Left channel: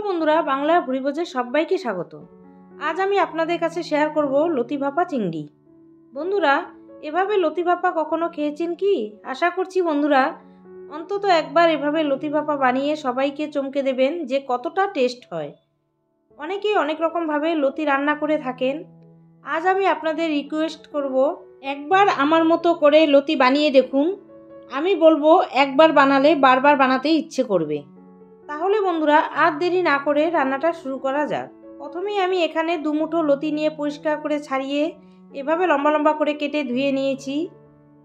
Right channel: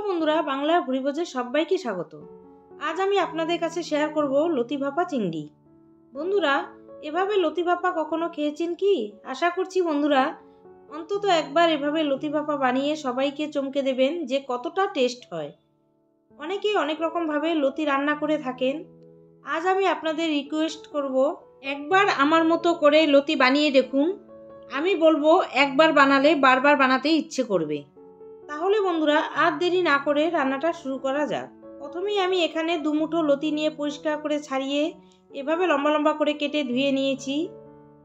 Hello বন্ধুরা, বাংলা ভুরিভোজে সবাইকে স্বাগত। আজ আমি আপনাদের কাছে শেয়ার করব লতি ভাপা চিংড়ি। বন্ধুরা, এভাবে লতি ভাপা কখনো খেয়েছেন কি? আশা করছি বন্ধুরা অন্তত একবার এভাবে লতি ভাপা বানিয়ে সবাইকে চমকে দেবেন যে কতটা টেস্ট হয়। অনেকেই অনেক রকমভাবে লতি রান্না করে থাকেন। আজ আমি আপনাদের রিকোয়েস্ট করব, একবার আমার মতো করে লতি বানিয়ে দেখুন। আমি বলবো একবার বানালে বারবার বানাতে ইচ্ছে করবে। তাহলে বন্ধুরা আর দেরি না করে রান্নাটা শুরু করা যাক। প্রথমেই আমি এখানে 2 মুঠো লতি নিয়ে পরিষ্কার করে ছাড়িয়ে এভাবে লম্বা লম্বা করে কেটে ধুয়ে নিয়েছি।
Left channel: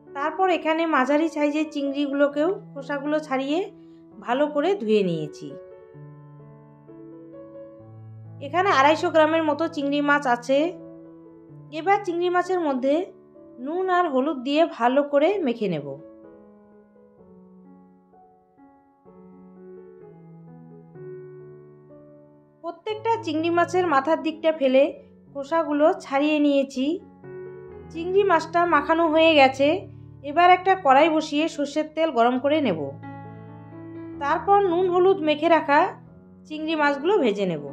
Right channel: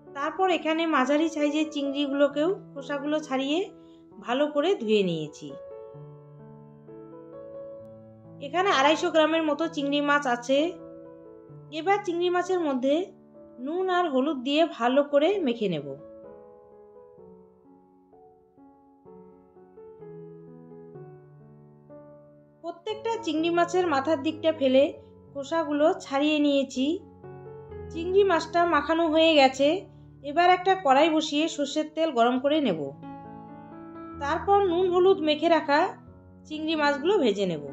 তারপর এখানে মাঝারি সাইজের চিংড়িগুলোকেও খোসাগুলো ছাড়িয়ে ভালো করে ধুয়ে নিয়েছি। এখানে 250 গ্রামের মতো চিংড়ি মাছ আছে। এবার চিংড়ি মাছের মধ্যে নুন আর হলুদ দিয়ে ভালো করে মেখে নেব। প্রত্যেকটা চিংড়ি মাছের মাথার দিকটা ফেলে খোসাগুলো ছাড়িয়ে নিয়েছি। চিংড়ি মাছটা মাখানো হয়ে গেছে। এবার একটা কড়াই বসিয়ে সর্ষের তেল গরম করে নেব। তারপর নুন হলুদ মেখে রাখা চিংড়ি মাছগুলো ভেজে নেব।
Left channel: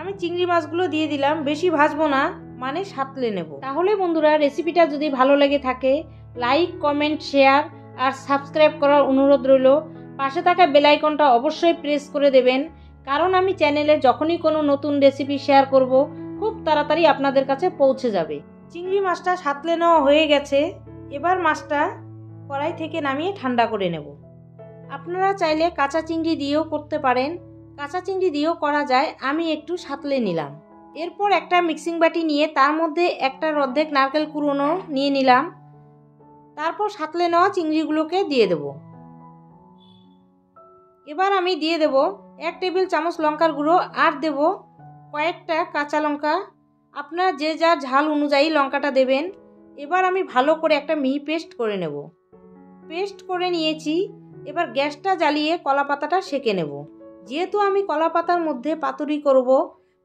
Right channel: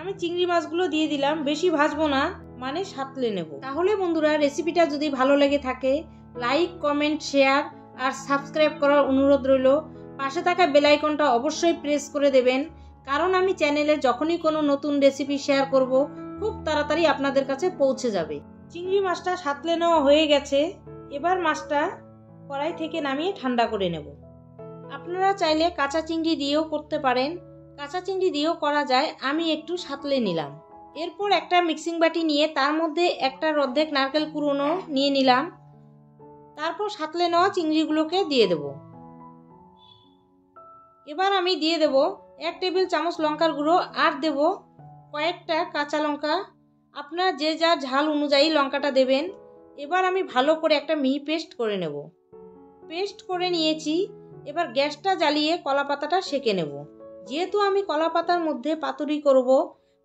আমি চিংড়ি মাছগুলো দিয়ে দিলাম, বেশি ভাজবো না, মানে সাঁতলে নেব। তাহলে বন্ধুরা রেসিপিটা যদি ভালো লেগে থাকে লাইক, কমেন্ট, শেয়ার আর সাবস্ক্রাইব করার অনুরোধ রইল। পাশে থাকা বেল আইকনটা অবশ্যই প্রেস করে দেবেন, কারণ আমি চ্যানেলে যখনই কোনো নতুন রেসিপি শেয়ার করব খুব তাড়াতাড়ি আপনাদের কাছে পৌঁছে যাবে। চিংড়ি মাছটা সাঁতলে নেওয়া হয়ে গেছে। এবার মাছটা কড়াই থেকে নামিয়ে ঠান্ডা করে নেব। আপনারা চাইলে কাঁচা চিংড়ি দিয়েও করতে পারেন, কাঁচা চিংড়ি দিয়েও করা যায়। আমি একটু সাঁতলে নিলাম। এরপর একটা মিক্সিং বাটি নিয়ে তার মধ্যে একটা অর্ধেক নারকেল কুড়োনো নিয়ে নিলাম। তারপর সাঁতলে নেওয়া চিংড়িগুলোকে দিয়ে দেব। এবার আমি দিয়ে দেব 1 টেবিল চামচ লঙ্কার গুঁড়ো আর দেব কয়েকটা কাঁচা লঙ্কা। আপনারা যে যার ঝাল অনুযায়ী লঙ্কাটা দেবেন। এবার আমি ভালো করে একটা মিহি পেস্ট করে নেব। পেস্ট করে নিয়েছি। এবার গ্যাসটা জ্বালিয়ে কলা পাতাটা সেঁকে নেব। যেহেতু আমি কলা পাতার মধ্যে পাতুরি করব,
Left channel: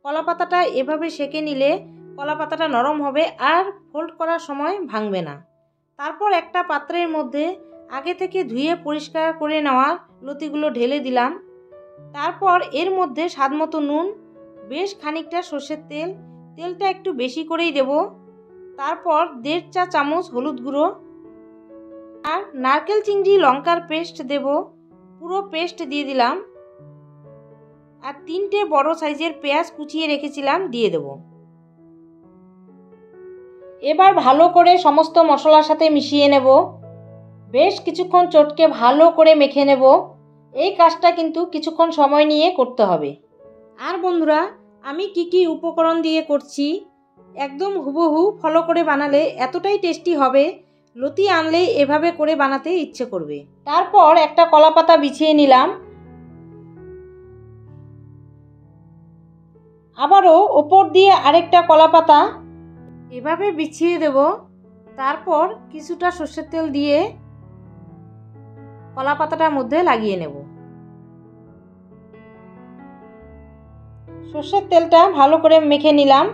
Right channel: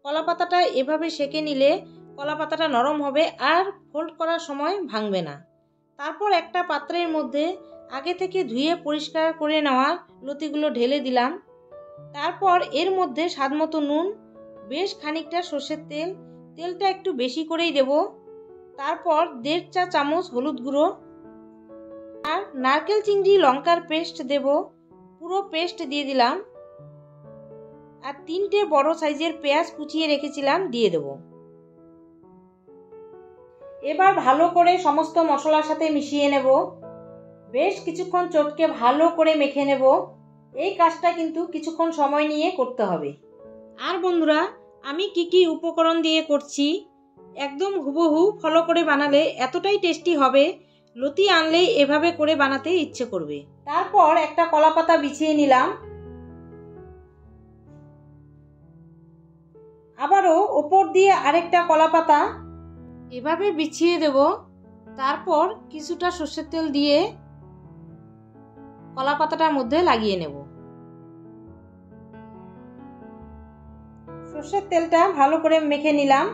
কলা পাতাটা এভাবে সেঁকে নিলে কলা পাতাটা নরম হবে আর ফোল্ড করার সময় ভাঙবে না। তারপর একটা পাত্রের মধ্যে আগে থেকে ধুয়ে পরিষ্কার করে নেওয়া লতিগুলো ঢেলে দিলাম। তারপর এর মধ্যে স্বাদমতো নুন, বেশ খানিকটা সর্ষের তেল, তেলটা একটু বেশি করেই দেব। তারপর 1.5 চা চামচ হলুদ গুঁড়ো আর নারকেল চিংড়ি লঙ্কার পেস্ট দেব। পুরো পেস্ট দিয়ে দিলাম। আর 3টে বড় সাইজের পেঁয়াজ কুচিয়ে রেখেছিলাম দিয়ে দেব। এবার ভালো করে সমস্ত মশলার সাথে মিশিয়ে নেব। বেশ কিছুক্ষণ চটকে ভালো করে মেখে নেব। এই কাজটা কিন্তু কিছুক্ষণ সময় নিয়ে করতে হবে। আর বন্ধুরা, আমি কি উপকরণ দিয়ে করছি একদম হুবহু ফলো করে বানালে এতটাই টেস্টি হবে, লতি আনলেই এভাবে করে বানাতে ইচ্ছে করবে। তারপর একটা কলা পাতা বিছিয়ে নিলাম। আবারও ওপর দিয়ে আরেকটা কলা পাতা এভাবে বিছিয়ে দেব। তারপর কিছুটা সর্ষের তেল দিয়ে কলা পাতাটার মধ্যে লাগিয়ে নেব। সর্ষের তেলটা ভালো করে মেখে নিলাম।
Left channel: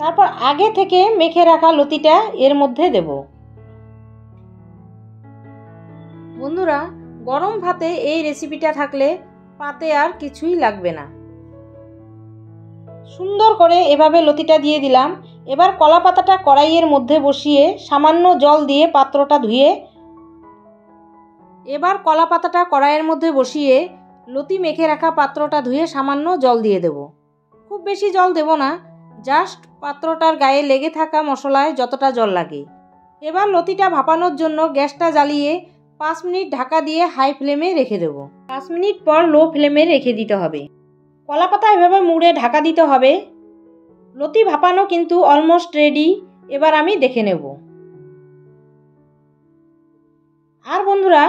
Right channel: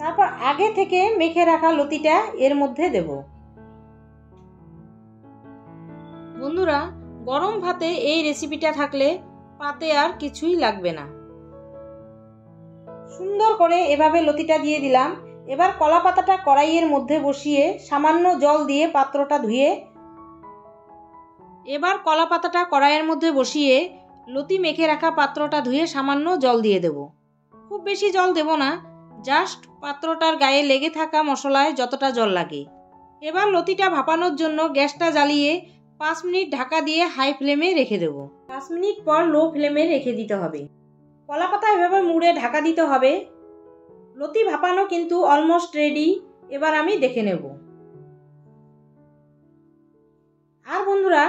তারপর আগে থেকে মেখে রাখা লতিটা এর মধ্যে দেব। বন্ধুরা, গরম ভাতে এই রেসিপিটা থাকলে পাতে আর কিছুই লাগবে না। সুন্দর করে এভাবে লতিটা দিয়ে দিলাম। এবার কলা পাতাটা কড়াইয়ের মধ্যে বসিয়ে সামান্য জল দিয়ে পাত্রটা ধুয়ে লতি মেখে রাখা পাত্রটা ধুয়ে সামান্য জল দিয়ে দেব। খুব বেশি জল দেব না, জাস্ট পাত্রটার গায়ে লেগে থাকা মশলায় যতটা জল লাগে। এবার লতিটা ভাপানোর জন্য গ্যাসটা জ্বালিয়ে 5 মিনিট ঢাকা দিয়ে হাই ফ্লেমে রেখে দেব। 5 মিনিট পর লো ফ্লেমে রেখে দিতে হবে। কলা পাতা এভাবে মুড়ে ঢাকা দিতে হবে। লতি ভাপানো কিন্তু অলমোস্ট রেডি। এবার আমি দেখে নেব। আর বন্ধুরা,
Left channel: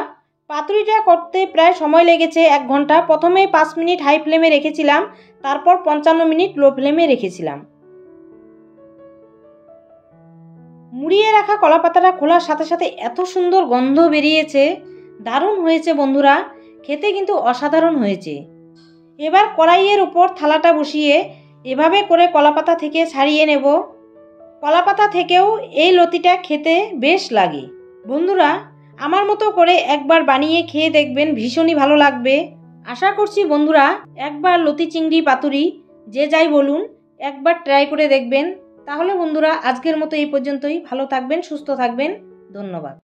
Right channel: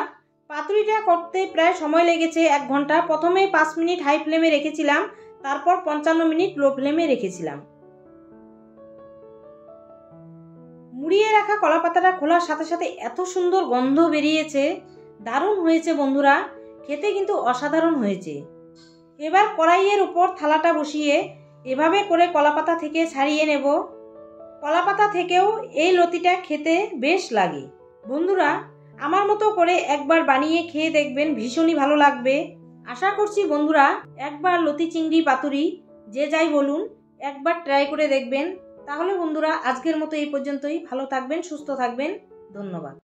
পাতুরিটা করতে প্রায় সময় লেগেছে 1 ঘন্টা। প্রথমে 5 মিনিট হাই ফ্লেমে রেখেছিলাম, তারপর 55 মিনিট লো ফ্লেমে রেখেছিলাম। মুড়িয়ে রাখা কলা পাতাটা খোলার সাথে সাথে এত সুন্দর গন্ধ বেরিয়েছে, দারুণ হয়েছে বন্ধুরা, খেতে কিন্তু অসাধারণ হয়েছে। এবার কড়াইয়ের উপর থালাটা বসিয়ে এভাবে করে কলা পাতা থেকে ছাড়িয়ে নেব। কলা পাতা থেকেও এই লতিটা খেতে বেশ লাগে। বন্ধুরা, আমার মতো করে একবার বানিয়ে খেয়ে দেখবেন, ভীষণই ভালো লাগবে। আশা করছি বন্ধুরা একবার লতি চিংড়ি পাতুরি যে যাই বলুন একবার ট্রাই করে দেখবেন। তাহলে বন্ধুরা আজকের মতো এই পর্যন্তই। ভালো থাকবেন, সুস্থ থাকবেন। ধন্যবাদ।